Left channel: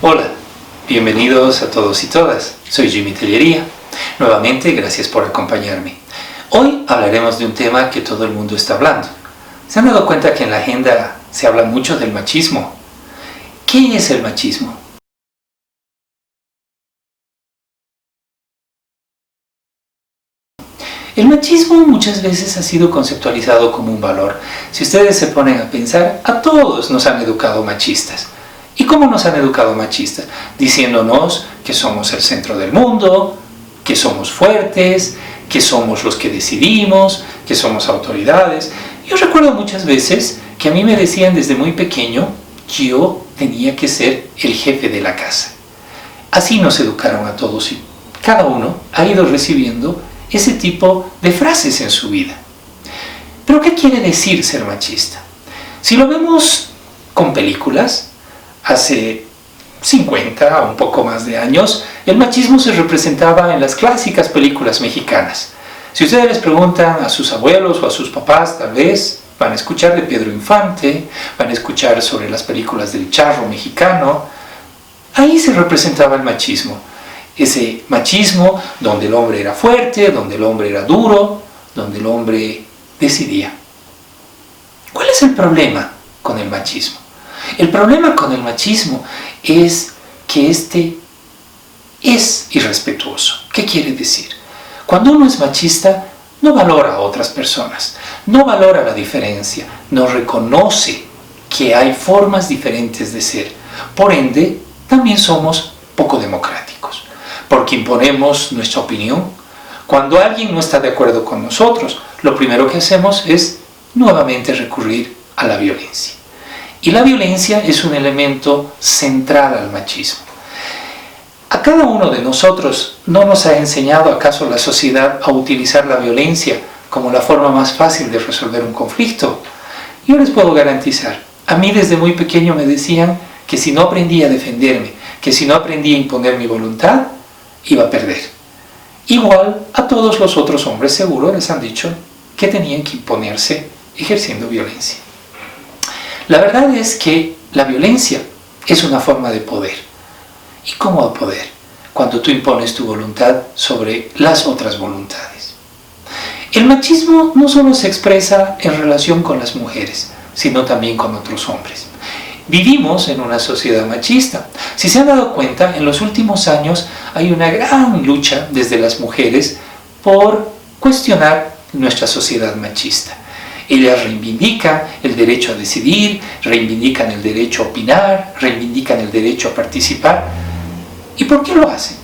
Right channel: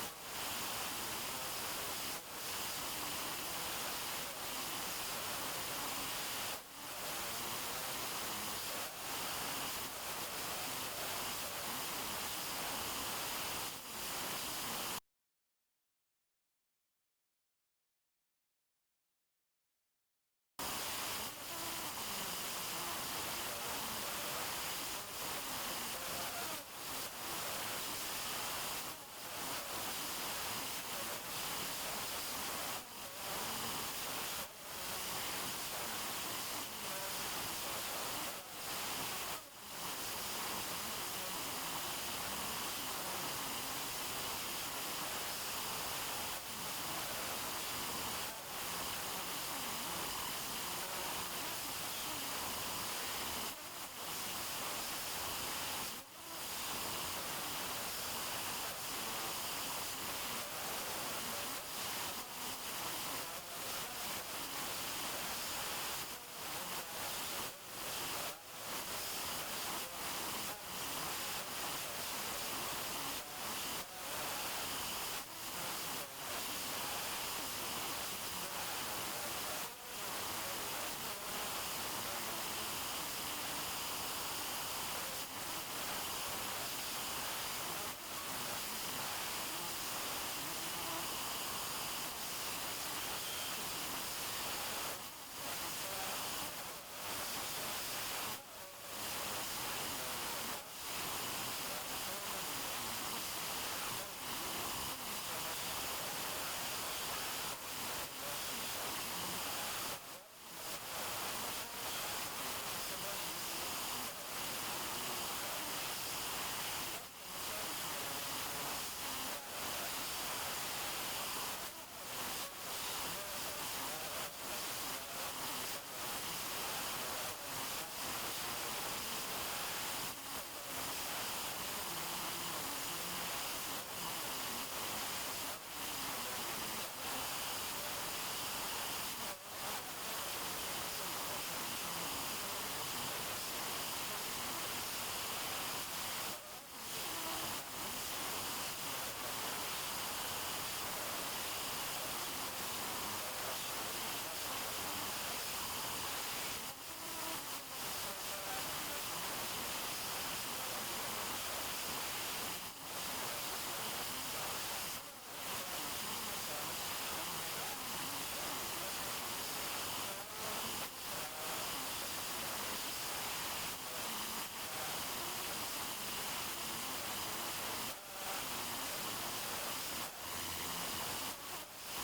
Hola, bienvenidos a todos y todas. Soy Jimmy Tellería. Nuevamente, gracias por acompañarme. Hoy hablaremos de un tema que todo el mundo está hablando. ¿Se han dado cuenta que en la agenda se habla mucho del machismo? ¿Qué es el machismo? El machismo muchas veces ha sido conceptualizado como un valor. Si ustedes se ponen a pensar, a todos nos han educado machistas. ¿Y cómo nos han educado machistas? Diciéndonos que somos el centro del mundo, que somos fuertes, que somos los que decidimos, que somos autoridades. Yo recuerdo muchas veces que a mí me decían desde muy pequeño que yo tenía que ser el jefe de la casa. Así nos educaron a todos y cada uno ha ido recibiendo ese tipo de frases en su vida. ¿Pero qué quiere decir ser machista? Si lo vemos con películas, hace 50 o un poco más de años, el machismo se representaba en las clásicas películas mexicanas. Si ustedes les preguntan a sus abuelos o a sus papás, tal vez van a escuchar de Pedro Infante, van a escuchar sobre las películas del charro mexicano. Ahí se representaba el machismo. Ese machismo donde el hombre era fuerte, donde el hombre era duro, donde el hombre decidía. ¿Cuál es el problema con el machismo? El problema con el machismo es que este es irrespetuoso. ¿Qué quiere decir? Cuando uno es machista, no valora a otras personas, no valora la diferencia, no reconoce que hay formas diferentes de ser. Por ende, también somos poco democráticos, porque imponemos nuestra opinión. Cuando alguien no está de acuerdo con nosotros, lo primero que hacemos es nuevamente recurrir a la violencia. Y la violencia es un elemento central al machismo. ¿A cada uno de nosotros no nos ha enseñado acaso la sociedad a utilizar la violencia como la forma más fácil de resolver un conflicto? Yo les puedo garantizar, a mí desde muy pequeño me decían que si no aprendía a defenderme, que si no aprendía a imponer mi voluntad, iba a perder. Igual a todos los otros hombres seguro les han dicho que tenían que imponerse ejerciendo violencia. La verdad es que la violencia es una forma de poder. ¿Y cómo de poder? Cuando tú impones tu voluntad sobre las otras voluntades. El machismo no solo se expresa en relación con las mujeres, sino también con otros hombres. Vivimos en una sociedad machista. Si se han dado cuenta, en los últimos años hay una gran lucha desde las mujeres por cuestionar nuestra sociedad machista. Ellas reivindican el derecho a decidir, reivindican el derecho a opinar, reivindican el derecho a participar. ¿Y por qué lo hacen?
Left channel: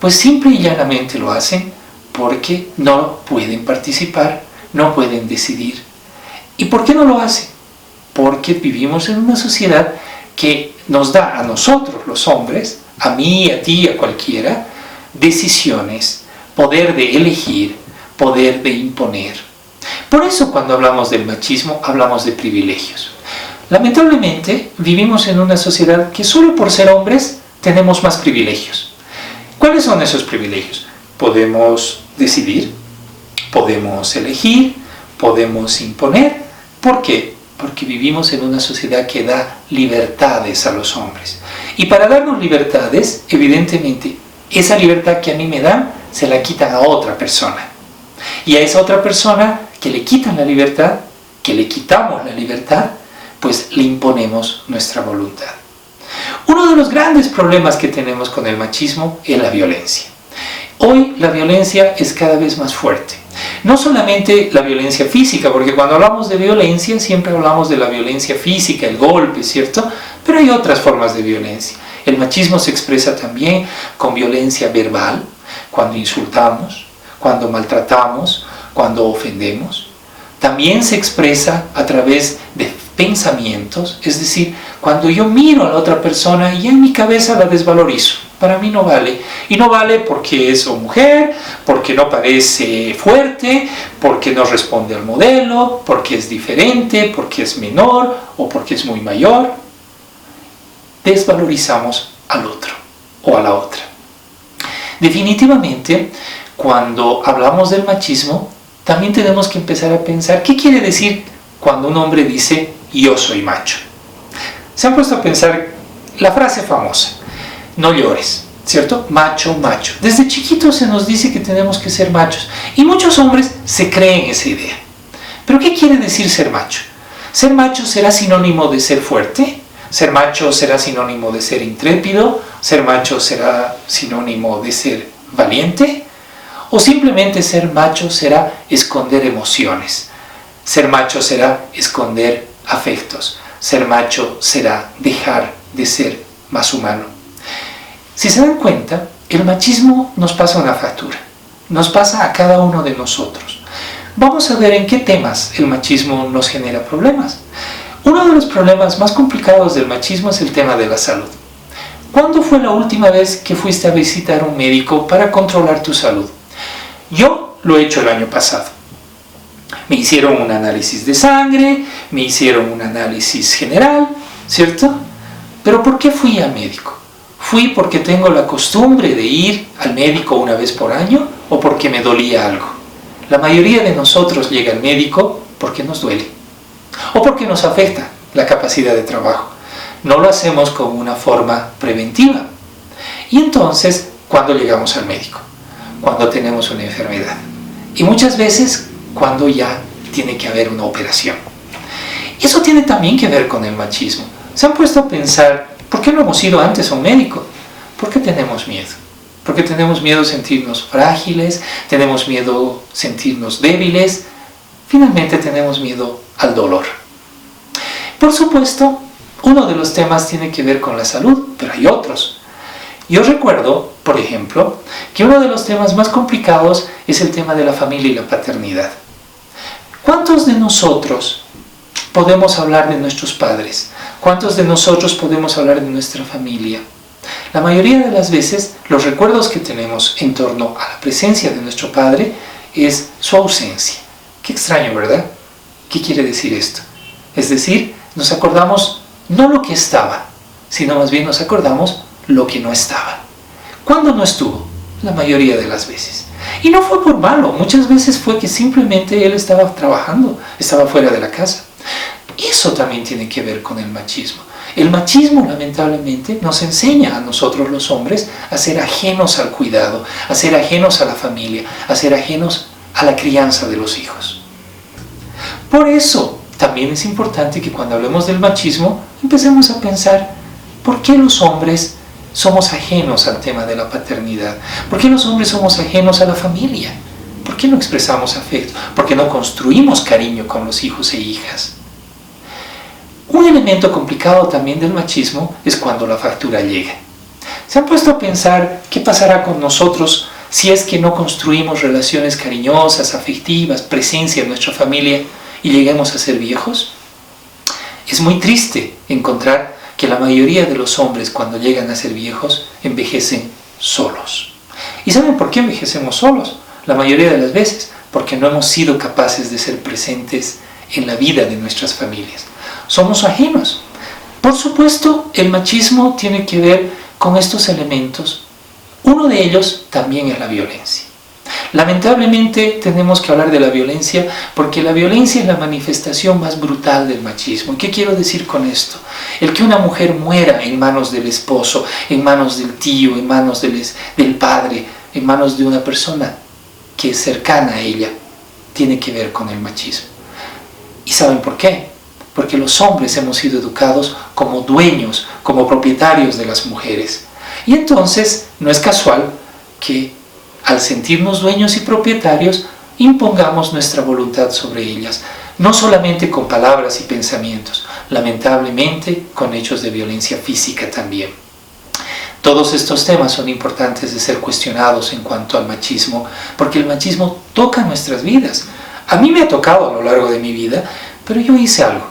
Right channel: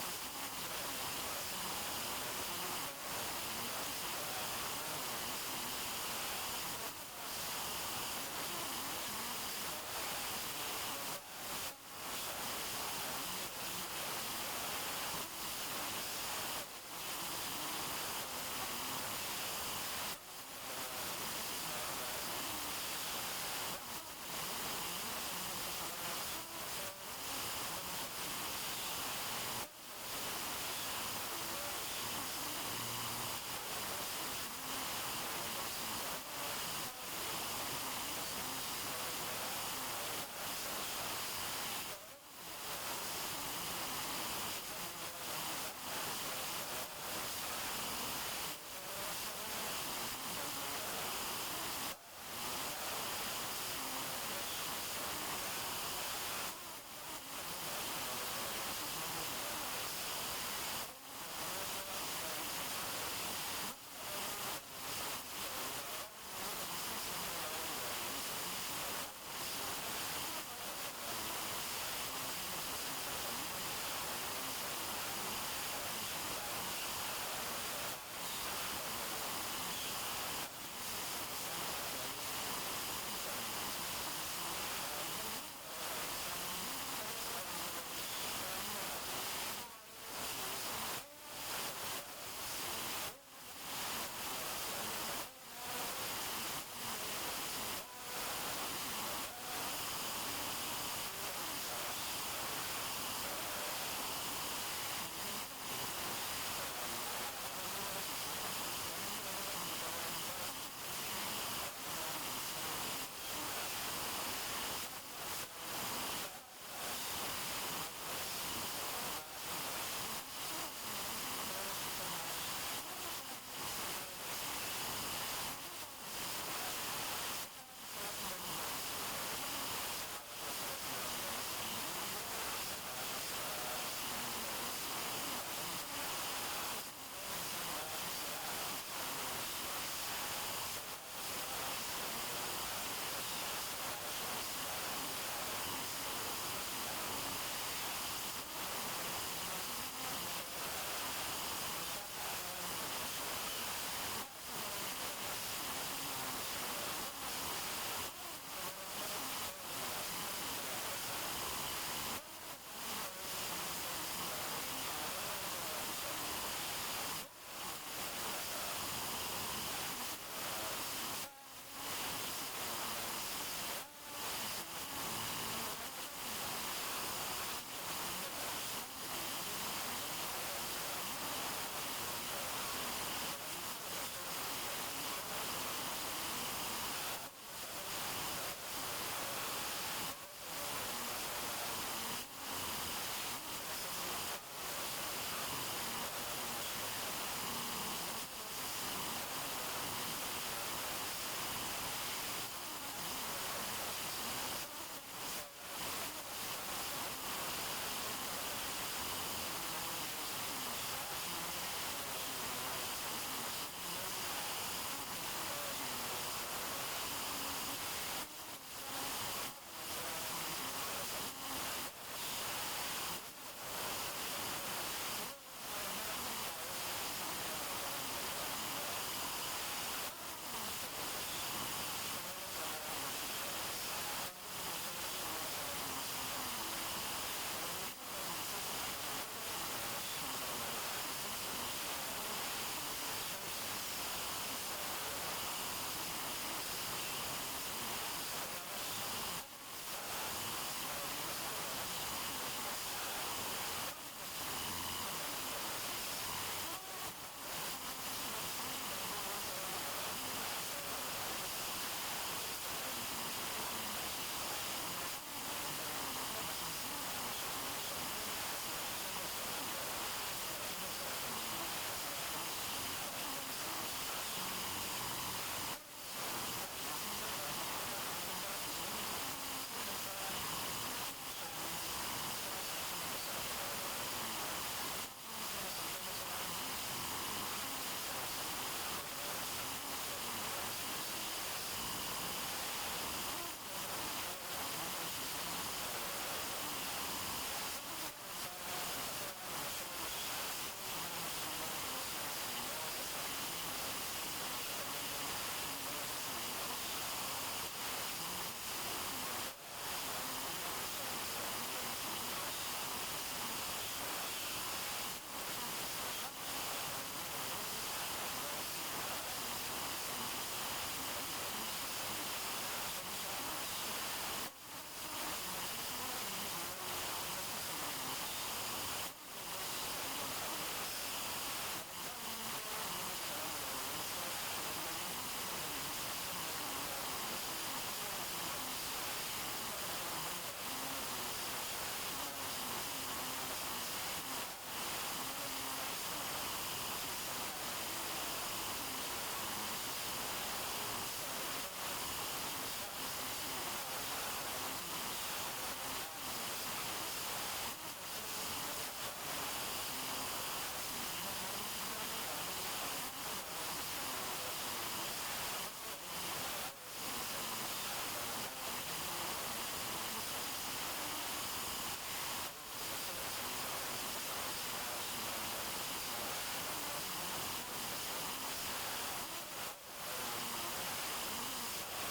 Pues simple y llanamente lo hacen porque no pueden participar, no pueden decidir. ¿Y por qué no lo hacen? Porque vivimos en una sociedad que nos da a nosotros, los hombres, a mí, a ti, a cualquiera, decisiones, poder de elegir, poder de imponer. Por eso cuando hablamos del machismo, hablamos de privilegios. Lamentablemente, vivimos en una sociedad que solo por ser hombres tenemos más privilegios. ¿Cuáles son esos privilegios? Podemos decidir, podemos elegir, podemos imponer. ¿Por qué? Porque vivimos en una sociedad que da libertades a los hombres. Y para darnos libertades, evidentemente, esa libertad que a mí me dan, se la quitan a otra persona. Y a esa otra persona que le quitan la libertad, que le quitamos la libertad, pues le imponemos nuestra voluntad. Uno de los grandes problemas que tenemos con el machismo es la violencia. Hoy la violencia es cada vez más fuerte. No solamente la violencia física, porque cuando hablamos de violencia siempre hablamos de la violencia física, el golpe, ¿cierto? Pero hay otras formas de violencia. El machismo se expresa también con violencia verbal, cuando insultamos, cuando maltratamos, cuando ofendemos. También se expresa a través de pensamientos, es decir, cuando yo miro a la otra persona y en mi cabeza la desvalorizo. Para mí no vale. Y no vale porque es mujer, porque no parece fuerte, porque no responde al modelo, porque es diferente, porque es menor o porque es muy mayor. Desvalorizamos al otro o a la otra. Definitivamente, cuando hablamos del machismo, también tenemos que empezar a pensar qué quiere decir cuando un hombre dice yo soy macho. Se han puesto a pensar la frase famosa, no llores, ¿cierto? Macho, macho. Desde chiquitos se nos dice que tenemos que ser machos y muchos hombres se creen esa idea. ¿Pero qué quiere decir ser macho? ¿Ser macho será sinónimo de ser fuerte? ¿Ser macho será sinónimo de ser intrépido? ¿Ser macho será sinónimo de ser valiente? ¿O simplemente ser macho será esconder emociones? Ser macho será esconder afectos. Ser macho será dejar de ser más humano. Si se dan cuenta, el machismo nos pasa una factura. Nos pasa a cada uno de nosotros. Vamos a ver en qué temas el machismo nos genera problemas. Uno de los problemas más complicados del machismo es el tema de la salud. ¿Cuándo fue la última vez que fuiste a visitar a un médico para controlar tu salud? Yo lo he hecho el año pasado. Me hicieron un análisis de sangre, me hicieron un análisis general, ¿cierto? ¿Pero por qué fui al médico? ¿Fui porque tengo la costumbre de ir al médico una vez por año o porque me dolía algo? La mayoría de nosotros llega al médico porque nos duele o porque nos afecta la capacidad de trabajo. No lo hacemos como una forma preventiva. Y entonces, ¿cuándo llegamos al médico? Cuando tenemos una enfermedad. Y muchas veces cuando ya tiene que haber una operación. Eso tiene también que ver con el machismo. ¿Se han puesto a pensar por qué no hemos ido antes a un médico? Porque tenemos miedo. Porque tenemos miedo a sentirnos frágiles, tenemos miedo a sentirnos débiles, finalmente tenemos miedo al dolor. Por supuesto, uno de los temas tiene que ver con la salud, pero hay otros. Yo recuerdo, por ejemplo, que uno de los temas más complicados es el tema de la familia y la paternidad. ¿Cuántos de nosotros podemos hablar de nuestros padres? ¿Cuántos de nosotros podemos hablar de nuestra familia? La mayoría de las veces, los recuerdos que tenemos en torno a la presencia de nuestro padre es su ausencia. Qué extraño, ¿verdad? ¿Qué quiere decir esto? Es decir, nos acordamos no lo que estaba, sino más bien nos acordamos lo que no estaba. ¿Cuándo no estuvo? La mayoría de las veces. Y no fue por malo, muchas veces fue que simplemente él estaba trabajando, estaba fuera de la casa. Eso también tiene que ver con el machismo. El machismo, lamentablemente, nos enseña a nosotros los hombres a ser ajenos al cuidado, a ser ajenos a la familia, a ser ajenos a la crianza de los hijos. Por eso, también es importante que cuando hablemos del machismo, empecemos a pensar ¿por qué los hombres somos ajenos al tema de la paternidad? ¿Por qué los hombres somos ajenos a la familia? ¿Por qué no expresamos afecto? ¿Por qué no construimos cariño con los hijos e hijas? Un elemento complicado también del machismo es cuando la factura llega. ¿Se han puesto a pensar qué pasará con nosotros si es que no construimos relaciones cariñosas, afectivas, presencia en nuestra familia y lleguemos a ser viejos? Es muy triste encontrar que la mayoría de los hombres cuando llegan a ser viejos envejecen solos. ¿Y saben por qué envejecemos solos? La mayoría de las veces porque no hemos sido capaces de ser presentes en la vida de nuestras familias. Somos ajenos. Por supuesto, el machismo tiene que ver con estos elementos. Uno de ellos también es la violencia. Lamentablemente tenemos que hablar de la violencia porque la violencia es la manifestación más brutal del machismo. ¿Qué quiero decir con esto? El que una mujer muera en manos del esposo, en manos del tío, en manos del padre, en manos de una persona que es cercana a ella, tiene que ver con el machismo. ¿Y saben por qué? Porque los hombres hemos sido educados como dueños, como propietarios de las mujeres. Y entonces no es casual que al sentirnos dueños y propietarios impongamos nuestra voluntad sobre ellas, no solamente con palabras y pensamientos, lamentablemente con hechos de violencia física también. Todos estos temas son importantes de ser cuestionados en cuanto al machismo, porque el machismo toca nuestras vidas. A mí me ha tocado a lo largo de mi vida, pero yo hice algo.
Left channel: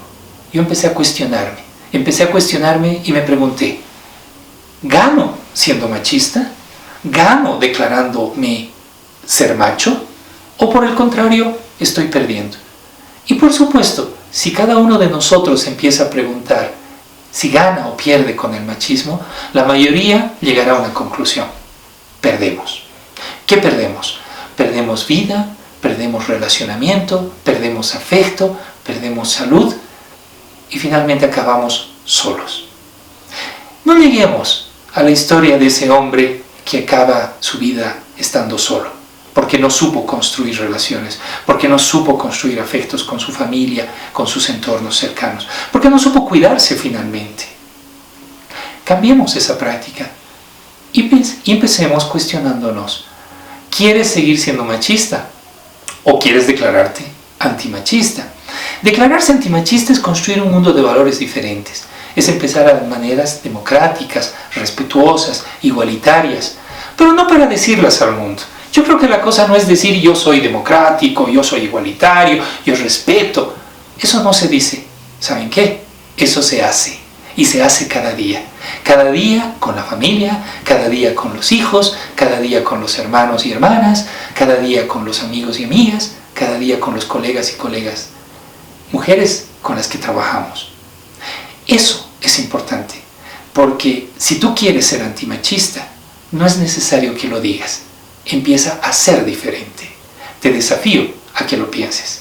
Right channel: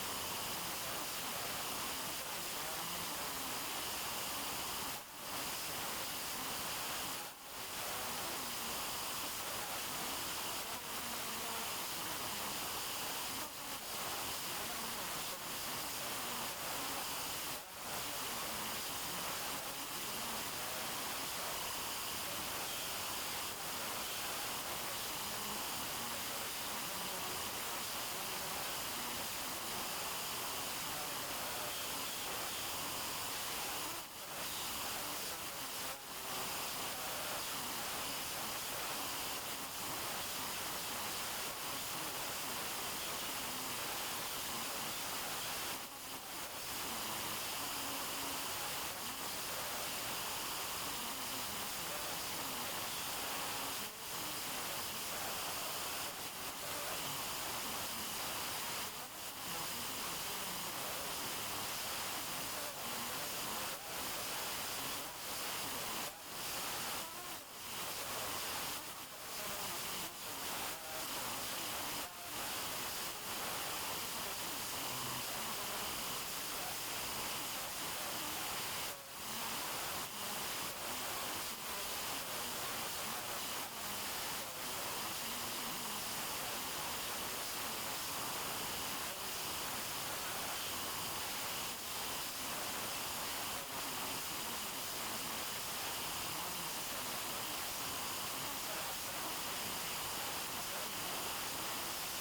Yo empecé a cuestionarme y me pregunté, ¿gano siendo machista? ¿Gano declarándome ser macho? ¿O por el contrario, estoy perdiendo? Y por supuesto, si cada uno de nosotros empieza a preguntar si gana o pierde con el machismo, la mayoría llegará a una conclusión. Perdemos. ¿Qué perdemos? Perdemos vida, perdemos relacionamiento, perdemos afecto, perdemos salud y finalmente acabamos solos. No lleguemos a la historia de ese hombre que acaba su vida estando solo, porque no supo construir relaciones, porque no supo construir afectos con su familia, con sus entornos cercanos, porque no supo cuidarse finalmente. Cambiemos esa práctica y empecemos cuestionándonos. ¿Quieres seguir siendo machista o quieres declararte antimachista? Declararse antimachista es construir un mundo de valores diferentes. Es empezar a maneras democráticas, respetuosas, igualitarias, pero no para decirlas al mundo. Yo creo que la cosa no es decir yo soy democrático, yo soy igualitario, yo respeto. Eso no se dice. ¿Saben qué? Eso se hace. Y se hace cada día. Cada día con la familia, cada día con los hijos, cada día con los hermanos y hermanas, cada día con los amigos y amigas, cada día con los colegas y colegas, mujeres con las que trabajamos. Eso es importante, porque si tú quieres ser antimachista, no es necesario que lo digas. Empieza a ser diferente. Te desafío a que lo pienses.